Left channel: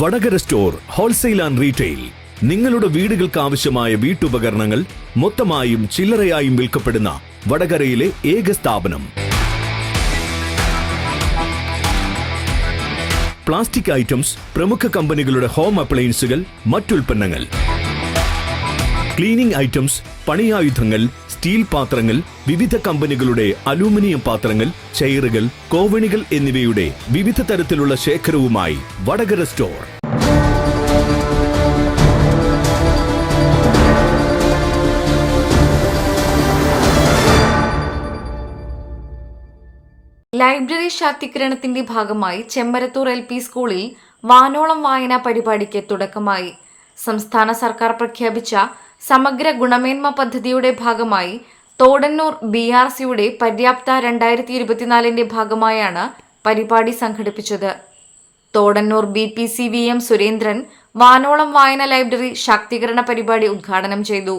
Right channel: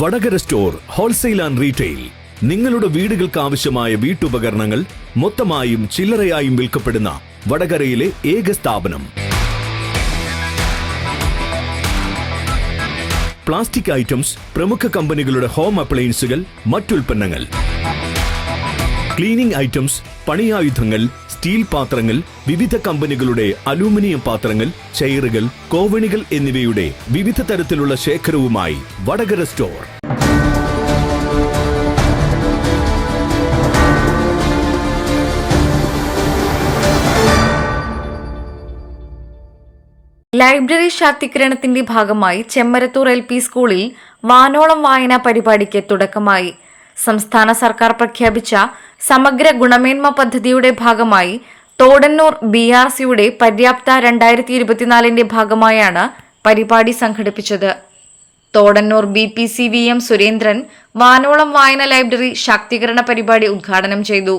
Vadakara store wholesale and retail. നിങ്ങളുടെ വീടുകൾക്ക് ആവശ്യമായ വീട്ടുപകരണങ്ങൾ മൊത്തമായും ചില്ലറയായും വിൽക്കപ്പെടുന്ന വടകരയിലെ ഏക സ്ഥാപനം. പ്ലാസ്റ്റിക് ഐറ്റംസ്, പ്രമുഖ കമ്പനികളുടെ ഹോം അപ്ലയൻസുകൾ, മറ്റുൽപ്പന്നങ്ങൾ, ക്ലീനിംഗ് ഐറ്റംസ്, പണിയായുധങ്ങൾ, സ്റ്റീൽ പാത്രങ്ങൾ, വിവിധ കമ്പനികളുടെ അലൂമിനിയം പാത്രങ്ങൾ, ചെയറുകൾ, കോവണികൾ എന്നിവയുടെ വിവിധ തരത്തിലുള്ള ശേഖരവുമായി വടകര സ്റ്റോർ. ലൈബ്രറി ശാക്തീകരണത്തിന്റെ ഭാഗമായി ചെമ്മരത്തൂർ LP സ്കൂളിൽ വാനോളം വായനാ പരിപാടിക്ക് തുടക്കമായി. സംസ്ഥാന സർക്കാർ പ്രഖ്യാപിച്ച സമഗ്ര ഗുണമേന്മ പദ്ധതിയുടെ ഭാഗമായി തോടന്നൂർ BRCയുടെ പര്യാപ്ത 2024ന്റെ ഭാഗമായാണ് പരിപാടി സംഘടിപ്പിച്ചത്. തോടന്നൂർ BPC-VM സുരേന്ദ്രൻ വാനോളം വായന ലൈബ്രറി ശാക്തീകരണ പരിപാടി ഉദ്ഘാടനം ചെയ്തു.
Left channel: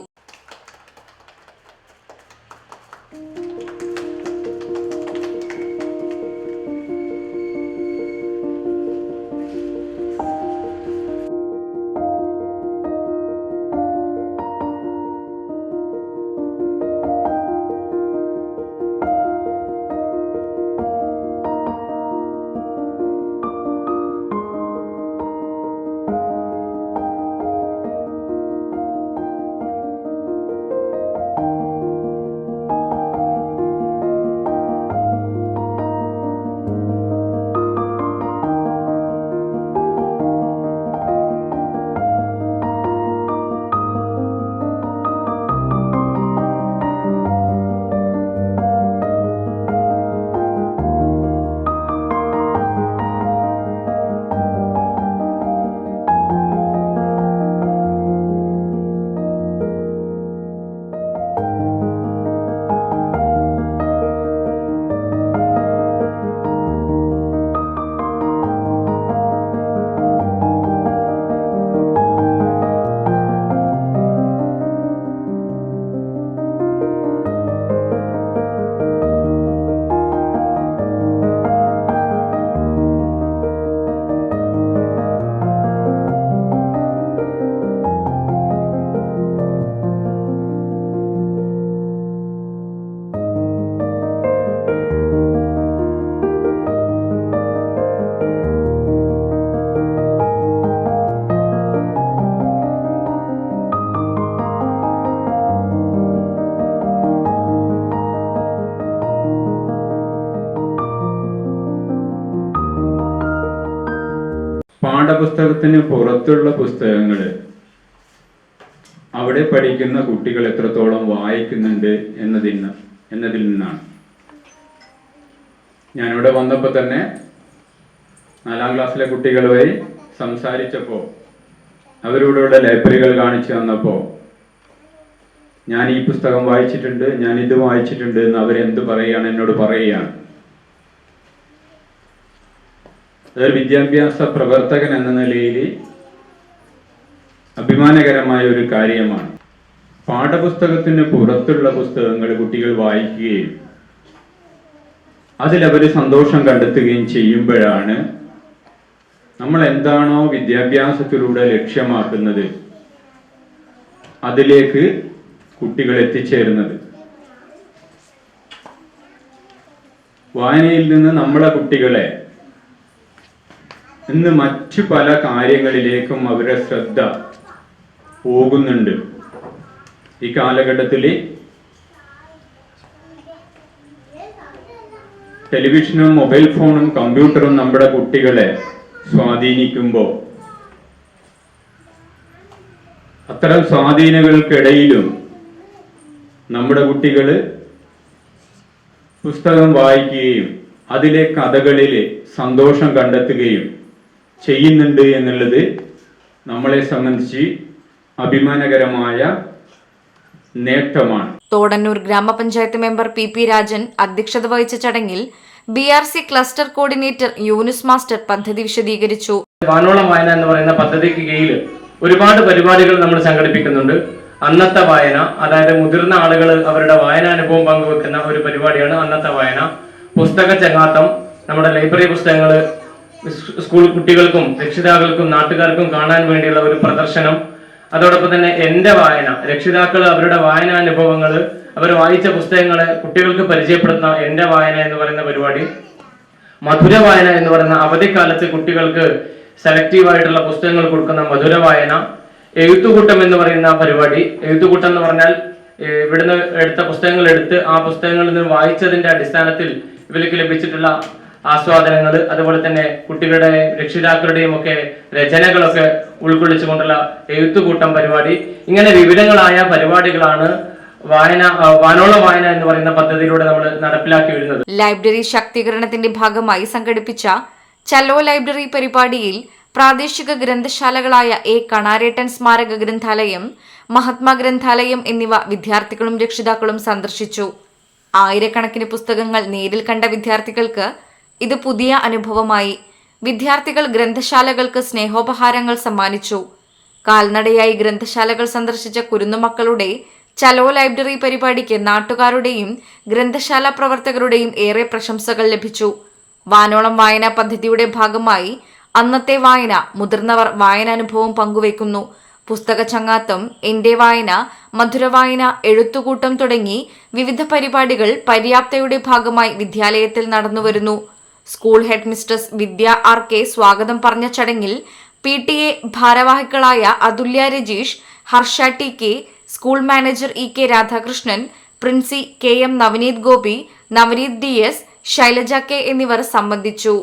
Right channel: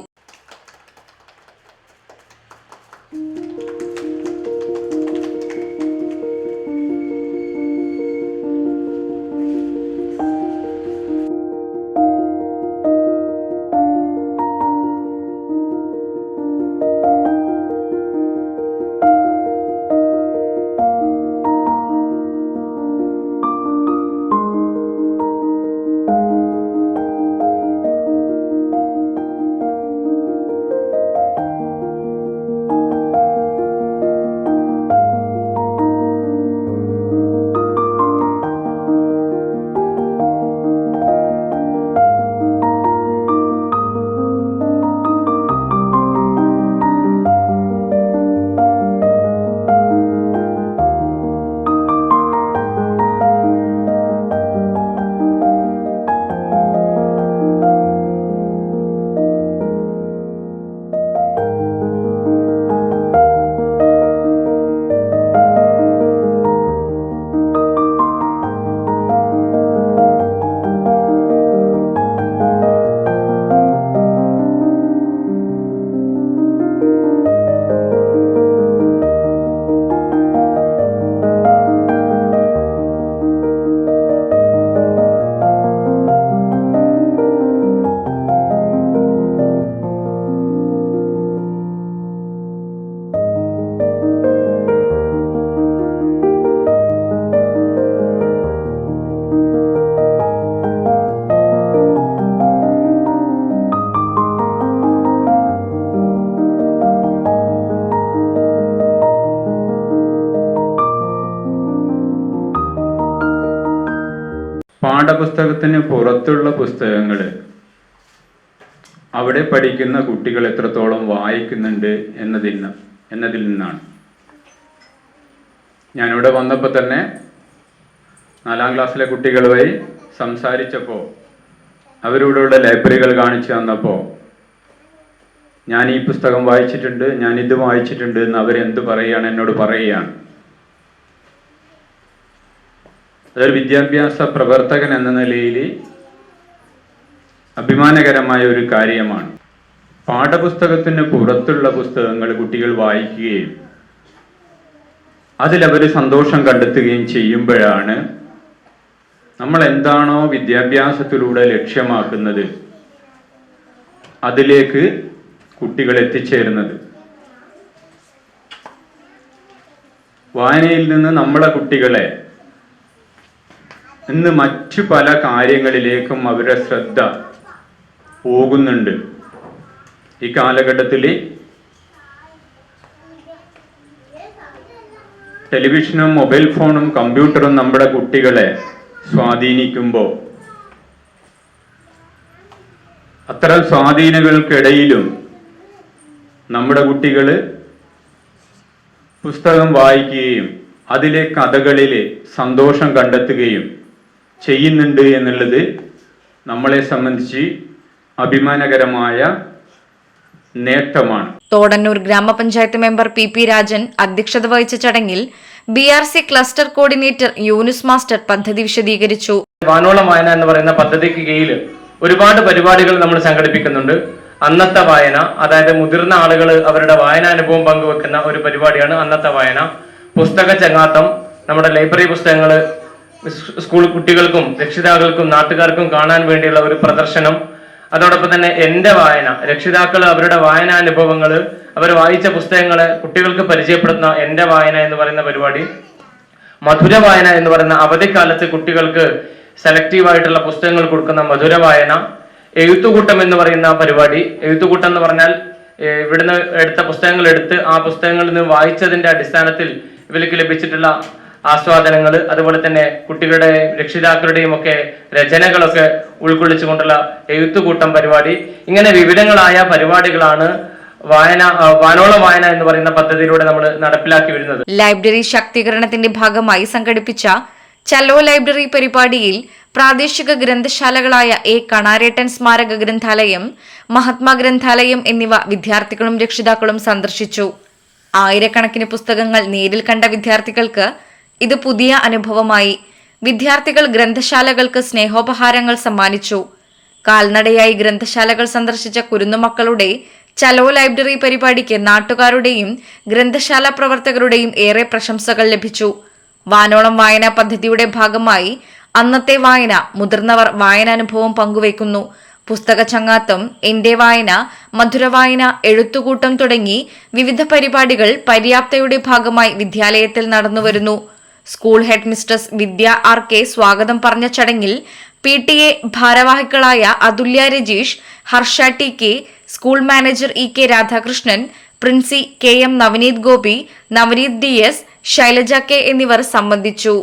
പാഠപുസ്തകത്തിന് പുറത്തുള്ള പുസ്തകങ്ങൾ അവിടെ പഠിക്കുന്ന കുട്ടികൾ എത്രത്തോളം വായിക്കുന്നുണ്ട് എന്നതിൽ നിന്നാണ്. ഞാനിവിടെ വന്നപ്പോൾ തന്നെ 4ാം ക്ലാസ്സിലെ കുട്ടികളുമായി സംസാരിച്ചപ്പോൾ അവരോടുള്ള ലൈബ്രറികൾ കാണിച്ചു തന്നപ്പോൾ ഞാൻ ഈ പുസ്തകം വായിച്ചിട്ടുണ്ട്, ഞാൻ ഇത് വായിച്ചിട്ടുണ്ട് എന്ന് അവരെന്ത് പറയുകയാണ്, എന്നോട് പറയുകയാണ്. അതൊരു വിദ്യാഭ്യാസ പ്രവർത്തകൻ എന്ന നിലയിൽ അഭിമാനകരമായ ഒരു കാര്യമാണ്. പാഠപുസ്തകത്തിന് പുറത്തുള്ള പുസ്തകങ്ങൾ കുട്ടികൾ വായിക്കുകയും അതിലവർ സന്തോഷം കണ്ടെത്തുകയും ചെയ്യുമ്പോഴാണ് നമ്മൾ എന്താണോ വിദ്യാഭ്യാസത്തിലൂടെ ലക്ഷ്യമാക്കുന്നത് അതിലേക്ക് കുട്ടികൾ എത്തിച്ചേരുന്നത്. വായനയിൽ നിന്ന് നമ്മളെ കുട്ടികളെ ഇന്ന് മറ്റു പല കാര്യങ്ങളിലേക്കും അവരുടെ ശ്രദ്ധ പോകുന്നുണ്ട്. ഈ കാലഘട്ടത്തിൽ ടെലിവിഷനും മൊബൈൽ ഫോണും കമ്പ്യൂട്ടറും നമ്മുടെ കുട്ടികളെ സ്വാധീനിക്കുമ്പോൾ അത്തരം സ്വാധീനങ്ങൾക്കിടയിലും നമ്മുടെ കുട്ടികൾ പുസ്തകം വായിക്കുകയും അതിലെ കഥകളിൽ സന്തോഷം കണ്ടെത്തുകയും ചെയ്യുന്നുണ്ട് എന്നുള്ളത് നമ്മളെ സംബന്ധിച്ച് അഭിമാനകരമായ നേട്ടമാണ്. തോടന്നൂർ ഗ്രാമപഞ്ചായത്ത് മെമ്പർ PP രാജൻ അധ്യക്ഷത വഹിച്ച ചടങ്ങിൽ BRC cluster coordinator Yunus master പദ്ധതി വിശദീകരിച്ചു. വാനോളം വായന എന്ന് പറയുന്ന പദ്ധതിക്ക് കീഴിൽ ഒരുപാട് പരിപാടികൾ നമ്മൾ സംഘടിപ്പിക്കുന്നുണ്ട്. അന്നത്തെ വായന, അതായത് മുതിർന്ന ആളുകൾ അവരുടെ വായനാനുഭവം പങ്കുവെക്കുന്ന ഒരു പരിപാടിയാണ് അന്നത്തെ വായന. പുസ്തക ചങ്ങാത്തം, നമ്മുടെ ലൈബ്രറി പുസ്തകങ്ങൾ സ്കൂൾ കുട്ടികൾക്കും രക്ഷിതാക്കൾക്കും നാട്ടുകാർക്കും കാണാൻ വേണ്ടിയുള്ള ഒരു പ്രദർശനം. അതോടൊപ്പം തന്നെ എന്റെ വായന, രക്ഷിതാക്കൾ അവരുടെ വായനാനുഭവങ്ങൾ, അവർ വായിച്ച പുസ്തകങ്ങളെ കുട്ടികൾക്ക് പരിചയപ്പെടുത്തുന്ന എന്റെ വായന എന്ന് പറയുന്ന പരിപാടി. മധുര വായന എന്ന് പറയുന്ന അവധിക്കാലത്ത് കുട്ടികൾക്ക് സെലക്റ്റീവായിട്ടുള്ള പുസ്തകങ്ങൾ കൊടുക്കുന്ന മധുര വായന. എഴുത്തുകൂട്ടം എന്ന് പറയുന്ന പരിപാടി. എഴുത്തുകൂട്ടം എന്ന് പറഞ്ഞാൽ ഇവിടുന്ന് എടുത്ത പുസ്തകങ്ങൾ എടുത്ത് ആ പുസ്തകങ്ങളിൽ നിന്ന് വായിച്ചതിന്റെ അടിസ്ഥാനത്തിൽ ഇവർക്ക് ലഭിച്ചിട്ടുള്ള ആസ്വാദനങ്ങൾ, അതുപോലെ തന്നെ കുട്ടികളുടെ രക്ഷിതാക്കളുടെയും ഒക്കെ രചനകളൊക്കെ ഉൾക്കൊള്ളിച്ചുകൊണ്ടുള്ള എഴുത്തുകൂട്ടം പരിപാടി. ഇങ്ങനെ വിവിധങ്ങളായ പരിപാടികളാണ് വാനോളം വായന എന്ന് പറയുന്ന പദ്ധതിയിലൂടെ നമ്മൾ നടപ്പിലാക്കി വരുന്നത്. ലൈബ്രറി ശാക്തീകരണത്തിന്റെ ഭാഗമായി സംഘടിപ്പിച്ച ചലോ ലൈബ്രറി പരിപാടിയിൽ പ്രാദേശിക ഗ്രന്ഥശാലകളായ കണാരേട്ടൻ സ്മാരക ഗ്രന്ഥാലയം, മഹാത്മാ ഗ്രന്ഥാലയം എന്നിവ വിദ്യാർത്ഥികളും രക്ഷിതാക്കളും സന്ദർശിച്ചു. ആയിരക്കണക്കിന് പുസ്തകങ്ങൾ നേരിൽ കണ്ട വിദ്യാർത്ഥികൾക്ക് ഇത് പുതിയ അനുഭവമായി. വിദ്യാർത്ഥികൾ ഗ്രന്ഥശാലകൾക്ക് സ്നേഹോപഹാരങ്ങൾ സമ്മാനിച്ചു. കാൽനടയായി ഗ്രന്ഥശാലകൾ സന്ദർശിച്ച കുരുന്നുമക്കളുടെ ചലോ ലൈബ്രറി പരിപാടിക്ക് നാട്ടുകാരുടെയും ഗ്രന്ഥശാല പ്രവർത്തകരുടെയും ഏറെ പ്രശംസകൾ ലഭിച്ചു. വാനോളം വായനാ പദ്ധതിയുടെ ഭാഗമായി അന്നത്തെ വായന, മുതിർന്നവർ വായനാനുഭവം പങ്കുവയ്ക്കുന്നു. പുസ്തക ചങ്ങാത്തം, എന്റെ വായന, മധുരവായന, എഴുത്തുകൂട്ടം തുടങ്ങി വിവിധ പരിപാടികൾ പര്യാപ്തയുടെ ഭാഗമായി വിദ്യാലയത്തിൽ നടന്നുവരുന്നു. School headmistress Vidya R K സ്വാഗതം പറഞ്ഞ ചടങ്ങിൽ PTA ഭാരവാഹികളായ Athulya Rajeesh, Harsha TK, school manager EK Radhakrishnan, Princy KM Navaneeth Gopi, Navaneeth DS, Shailaja K എന്നിവർ സംബന്ധിച്ചു.